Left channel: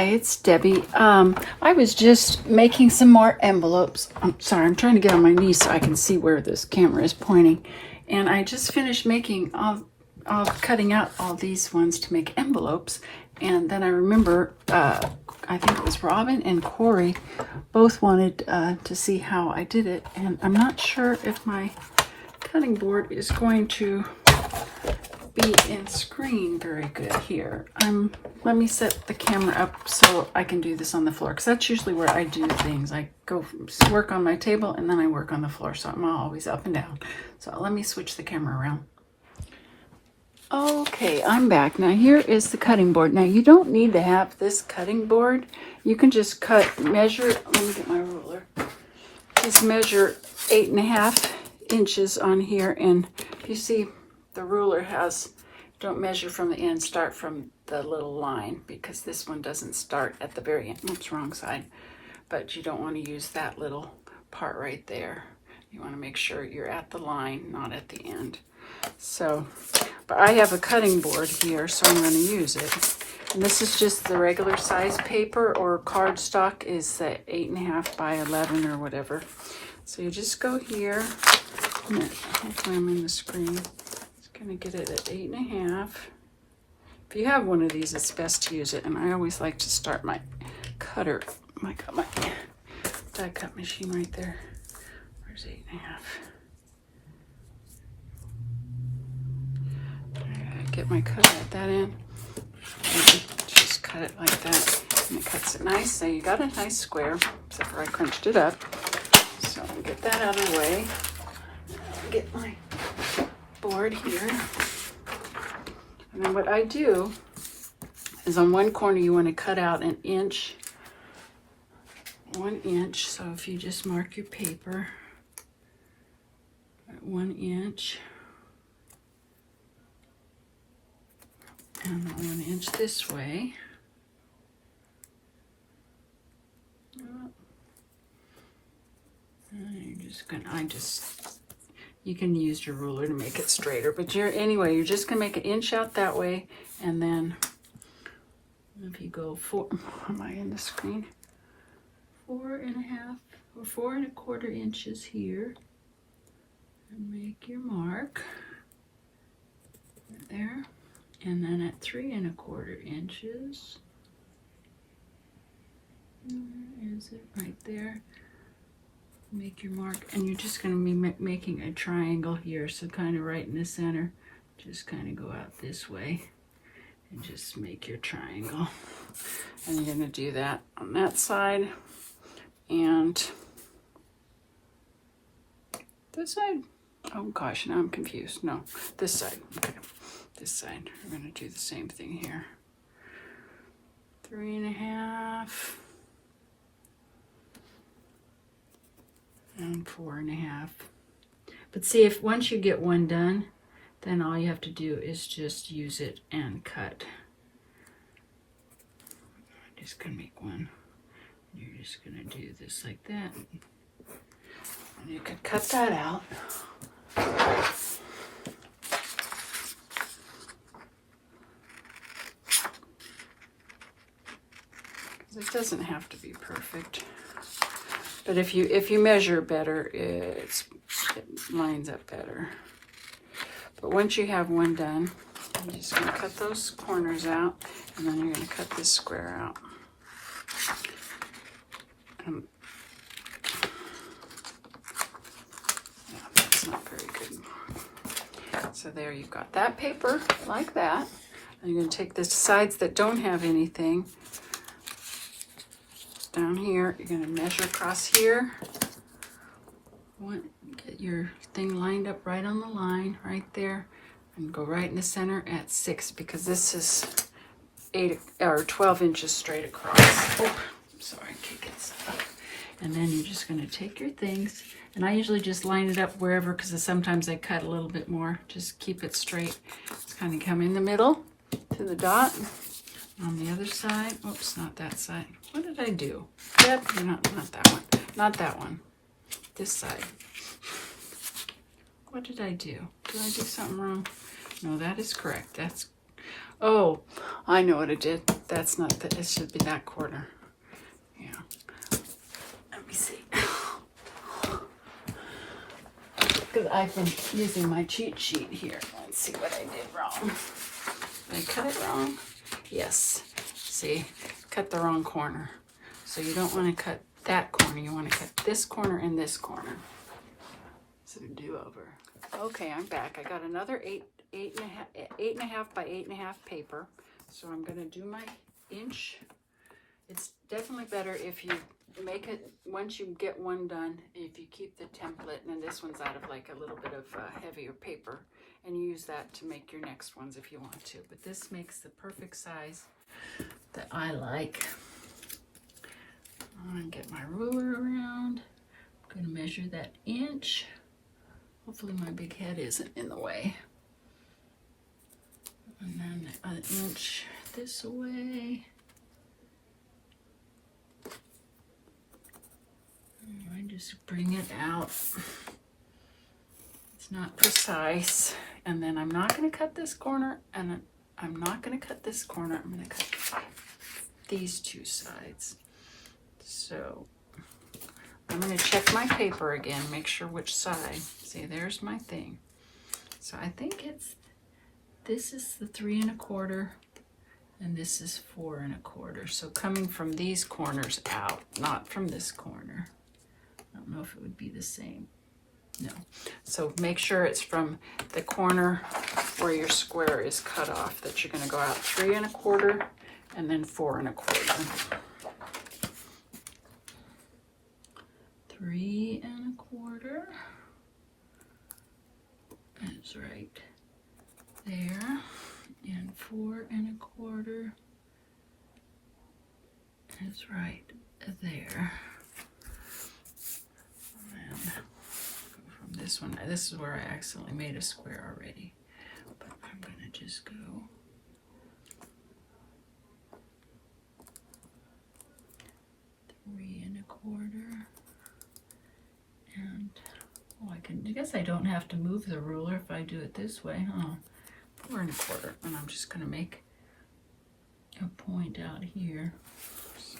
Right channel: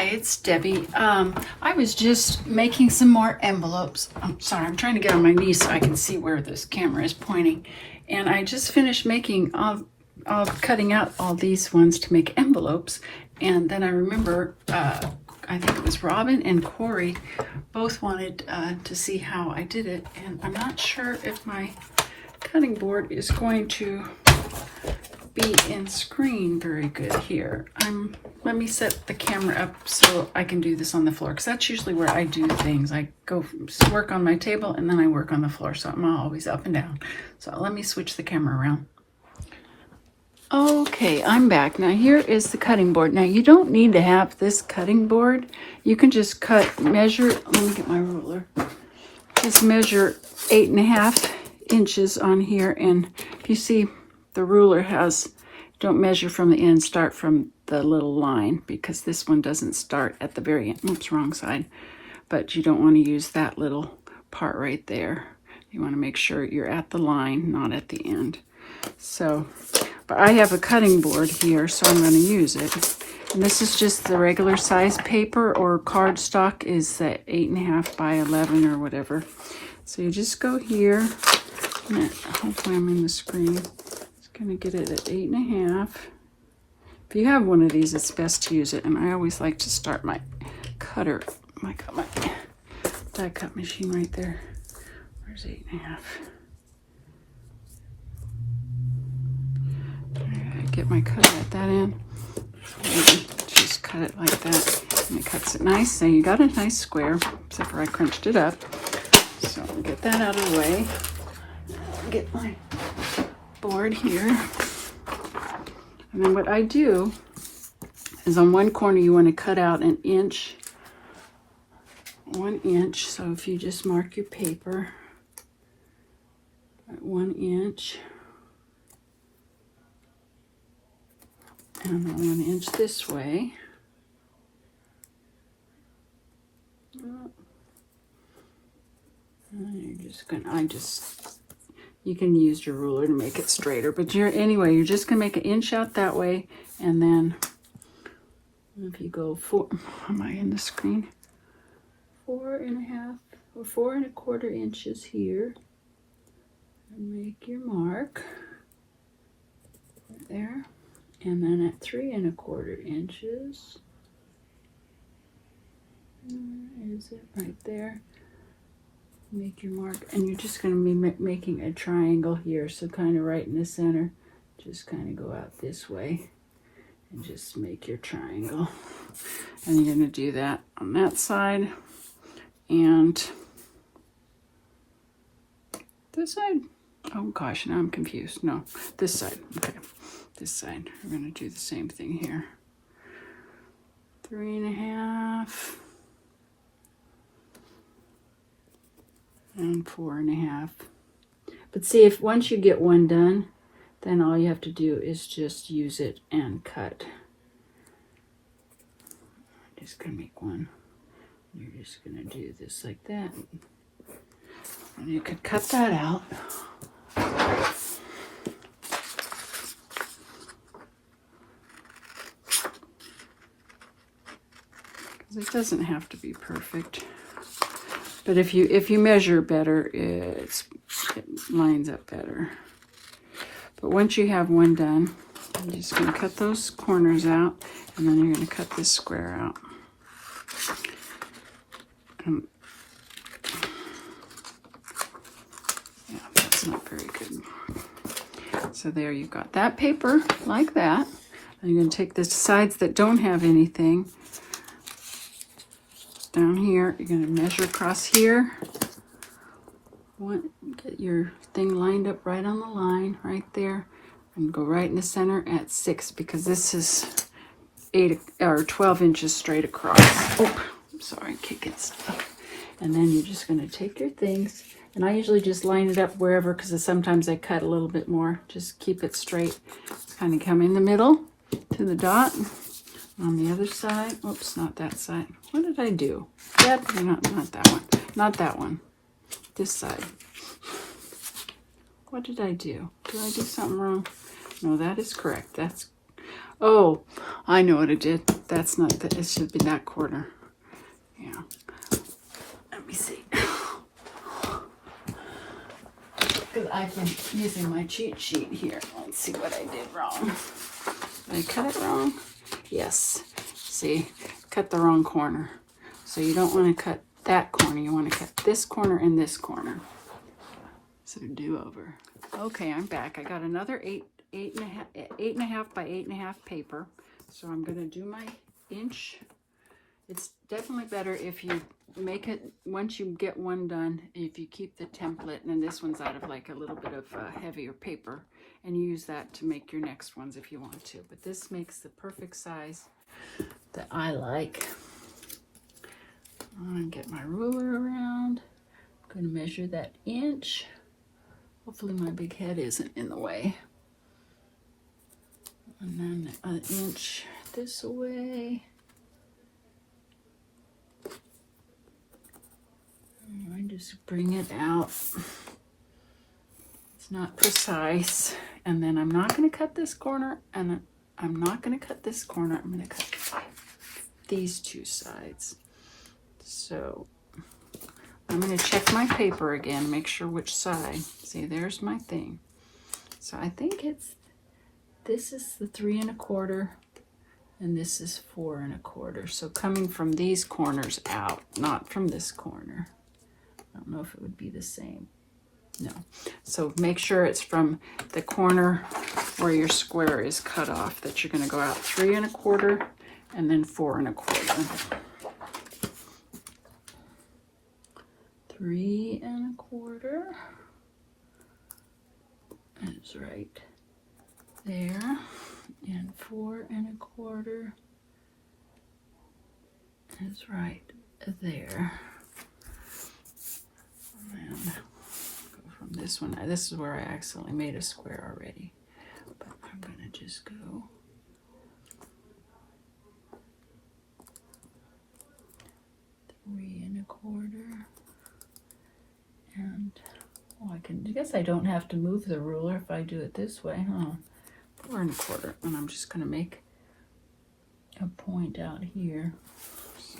Hi, it's Debbie. I was just making some more envelopes. I'm sorry, I'm trying to get on my knees so I can see where this camera is pointing. And I just finished making, cutting out all these ones to make envelopes. And then I remember, I think it was Robin and Cori both wanted to see how I did it. And I'm not sure if my cutting board is going to be in screen very good here. Let me set the camera up so I can do this on the floor, because that's usually where I do things. I go work on my table and then I work on the floor, so I'm always up and down. So let me switch the camera around. Okay, I'm back. Now here is the cutting board. Now you don't need to have this cutting board. You can just measure, let me get my ruler. Just measure 8.5 inches on here, and you see the ruler has, don't measure from the end, start from the little line, because this one doesn't start at the very end. Oops, wrong side. But you don't want to use that little part right there. You want to make sure you're at the line, not at the end. So, but I have a cutting board here, so I'm going to use it. And this is just the regular size paper, or cardstock is the 8.5 by 11 or whatever. So you just go here. Okay, I'm on the screen. Gonna get it at 8.5. If you have one of these, it's best to use it. And I always like to start my cutter, my die cut machine right there. There's 8.5. Alright, get my cut, put that in. And just cut it like that. And it cuts it nice. Now you got a nice square, except for I crunched it up. So I'll get that out of the way. Get my board here. And then what I do is on one corner you want to cut out an inch, 1 inch. So if you just mark your paper at 1 inch and 1 inch this way. And you're just gonna, you can use your ruler to make it straighter, but anyway, you're just gonna make an inch out that way, and then if you go am I in the screen? 4.5 or 4.25 inches here, and make your mark there, and then at 3.25 inches, is it right there? Make your mark, and you're just going to be making a triangle here, so kind of right in the center. Just kind of go out this way and just make your triangle. And you're going to do that on that side and this side. Oh gosh, now I'm confused. No, this side. Okay, this side. We're going to do the same thing here. 3.5. And 4.5. But see, if once you get one done, then all you have to do is just use it and cut. I'm just gonna make one. You're just gonna do this like that, and you can cut that out. It doesn't have to be perfect. But if you measure better, it lines up better. But once you have one done, you're just going to cut those corners out, and then you're going to cut this square out. And that's not very good. So there you've got that paper like that. And you're going to take the sides that don't have anything. Down here, you're going to measure across here. Get your thing lined up right on the line, right there, and go right in the center at 6, because this is 8 or 12 inches straight across. Oh, I'm sorry, kick it. And then you're just going to take your things, and I usually just line it up wherever, because sometimes I cut a little bit more. Just keep it straight. Just kind of come in the middle to the dot. On the other side, oops, not that side. What did I do? Not that one. Not that one. This side. What did I do? Did I do something wrong? No, that is correct. That's Oh, I know what I did. That's not that. It should be that corner. Yeah. Let me see. Because I've been using my cheat sheet here. Let's see what I did wrong. Did I cut it wrong? Yes. See, cut the wrong corner. So you don't want to cut that corner. You want to cut this corner and this corner. So do over. Okay, I'm back. I got another 8.5 by 8.5 paper. So I'm going to do my inch. It's definitely better if you make it, once you get one done, if you keep the template, and then this one's out of like a little bit of heavier paper, and you use that to make your next ones if you want to. But this makes the perfect size that I like. I'm going to get my ruler around. I'm going to measure that inch. Hopefully my big head isn't in the way. And then an inch this way. And I just bring it out. It's not precise. And then I'm not going to cut this corner, and I'm not going to cut this corner. I'm going to cut these two sides. So I'm going to check my paper again, make sure which side. See, there's my thing. So I think this is the 3 1/4, and this is 4 1/4. So coming from these corners out, not from this corner. I don't know if it would be the same. No. So make sure it's from the corner where your square is cut off, that you're going to go out 3 1/4 and then 4 1/4. 3 1/4. That's right there, and 4 1/4 is right there. And from this one, this is where I accidentally made a square already, but I'm going to just go 3 1/4. And I guess I don't have to move the ruler if I do it this way, huh? 4 1/4, and I'm just going to make a point out here. So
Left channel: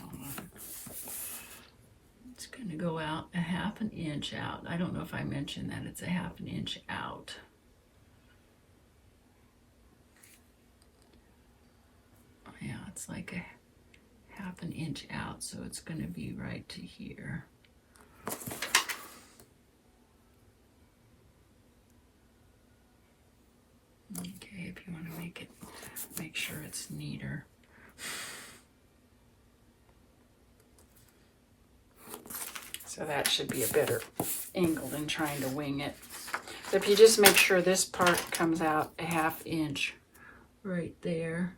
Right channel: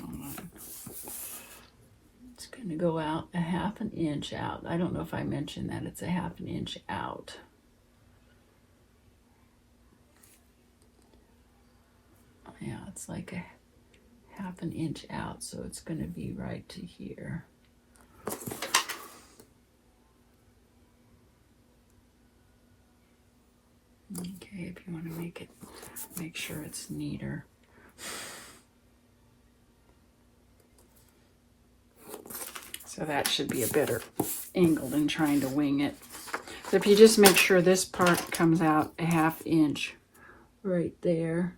it's going to go out a 1/2 inch out. I don't know if I mentioned that it's a 1/2 inch out. Yeah, it's like a 1/2 inch out, so it's going to be right to here. Okay, if you want to make sure it's neater. So that should be a better angle than trying to wing it. So if you just make sure this part comes out a 1/2 inch right there.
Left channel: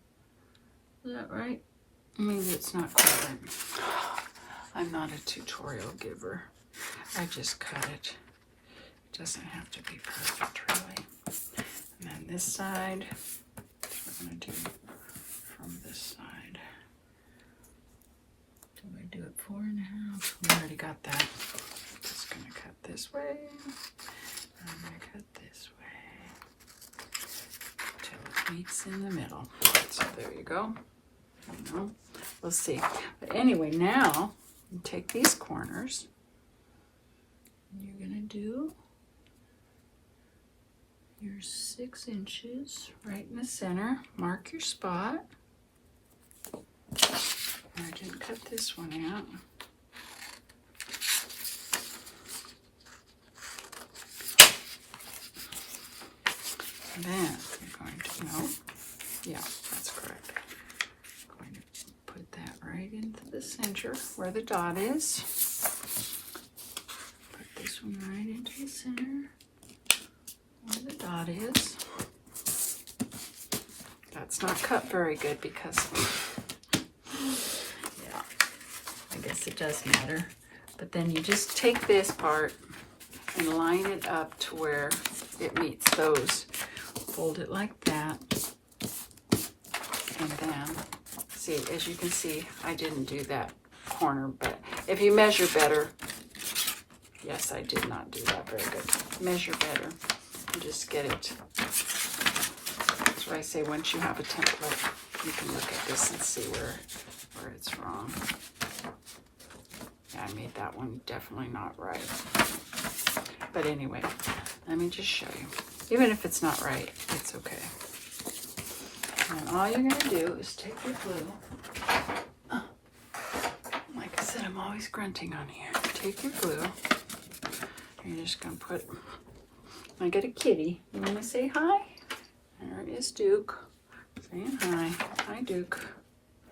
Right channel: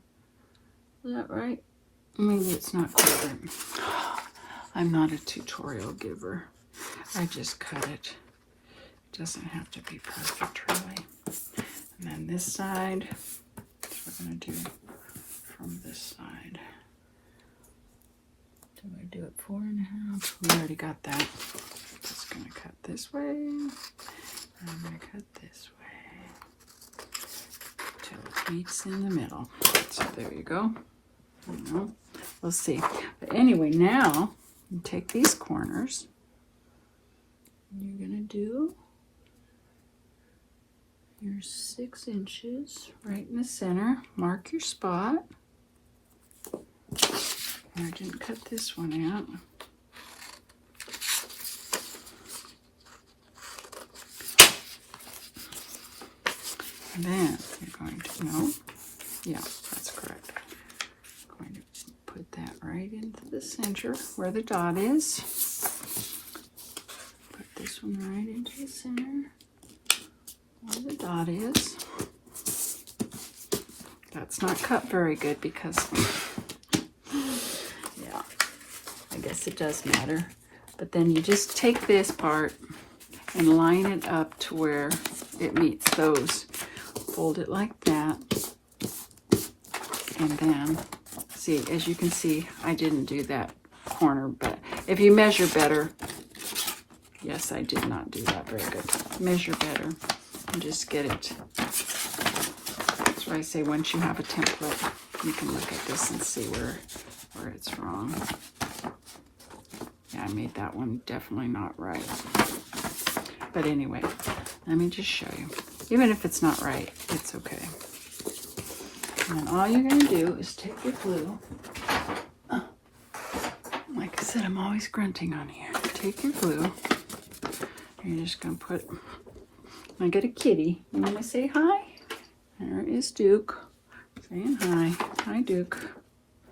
Is that right? Maybe it's not quite there. I'm not a tutorial giver. I just cut it. It doesn't have to be perfect, right? And then this side, I'm going to do from this side. Do I do it 4 1/2? We already got that. Just going to cut this way, and I'm going to cut this way till it meets in the middle. So there you go. We'll see. But anyway, now you take these corners, and you're going to do your 6 inches right in the center. Mark your spot. I didn't cut this one out. And then I'm going to, no, yeah, that's correct. I'm going to put that right into the center where the dot is. Put this one right into the center where the dot is. That's not cut very good because, yeah, I guess it does matter. But then you just take this part and line it up to where it meets those. Fold it like that. And then, see, as you can see, I didn't do that corner, but if you measure better, yes, I did not do that very good. Measure better and just get it what I say, once you have a template, you can look at this and see where it's wrong. Yeah, I made that one definitely not right. But anyway, let me just show you. Even if it's not right, it's okay. Now, all you're going to do is take your glue. Oh, like I said, I'm always grunting on here. Take your glue. You're just going to put... I got a kitty. You want to say hi? There is Duke. Saying hi. Hi, Duke.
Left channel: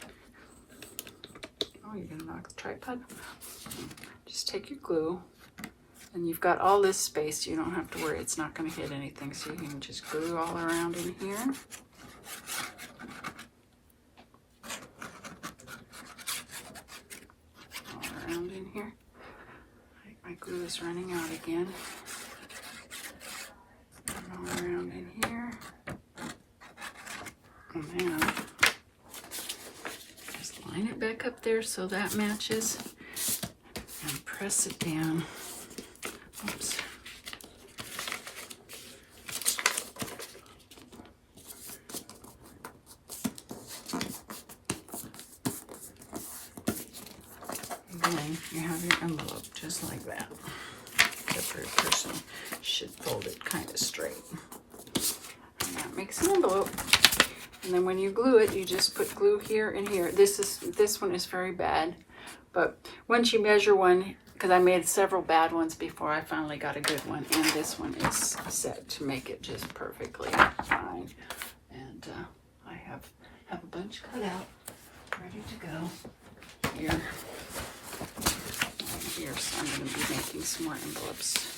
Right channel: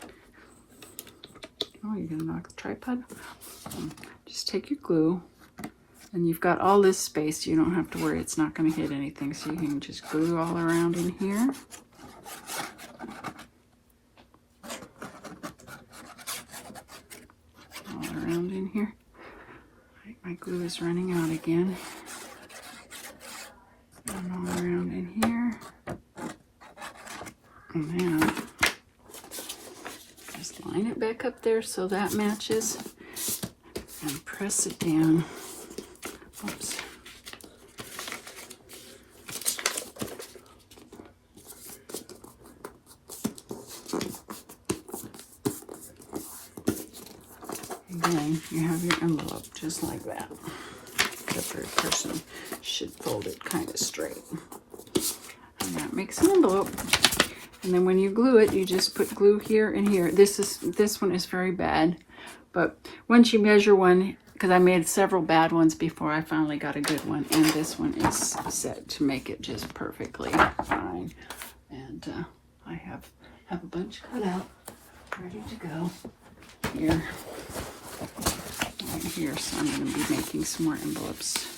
Oh, you're going to knock the tripod? Just take your glue. And you've got all this space. You don't have to worry. It's not going to hit anything. So you can just glue all around in here. All around in here. My glue is running out again. And all around in here. And now, just line it back up there so that matches. And press it down. Oops. And then you have your envelope just like that. The third person should fold it kind of straight. And that makes an envelope. And then when you glue it, you just put glue here and here. This one is very bad, but once you measure one, because I made several bad ones before I finally got a good one, and this one is set to make it just perfectly fine. And I have a bunch cut out, ready to go. Here, right here, so I'm making some more envelopes.